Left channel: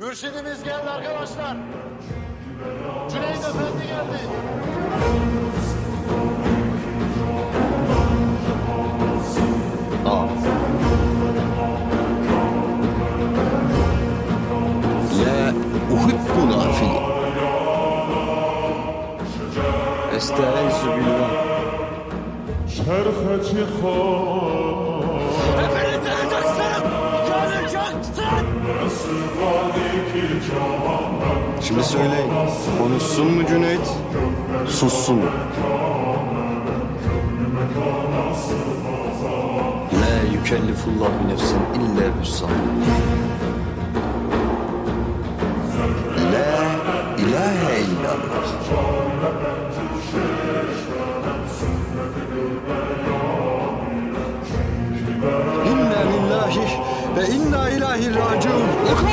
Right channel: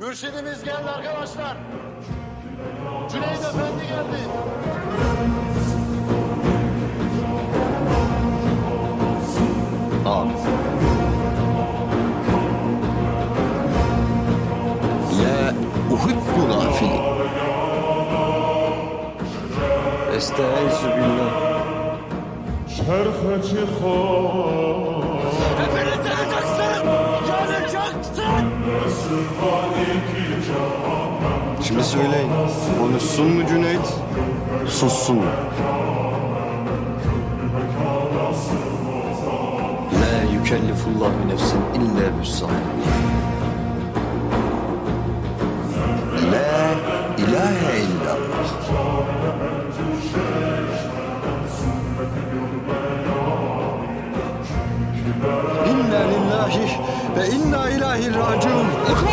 Mürşidimiz geldi arkadaşlar. Cüneyt Efendi geldi. Aa. La uhibbu nafili. Estaizu billah. Şerhe çıkar. Hepiniz yanıcaksınız! Yanıcaksınız! Şimdi söyleyin. Konuşsun mu Cüneyt? Sussun mu? La yükellifullahu nefsen illa büssaha. La ilahe illallah. İnna lillahi ve inna ilahi raciun.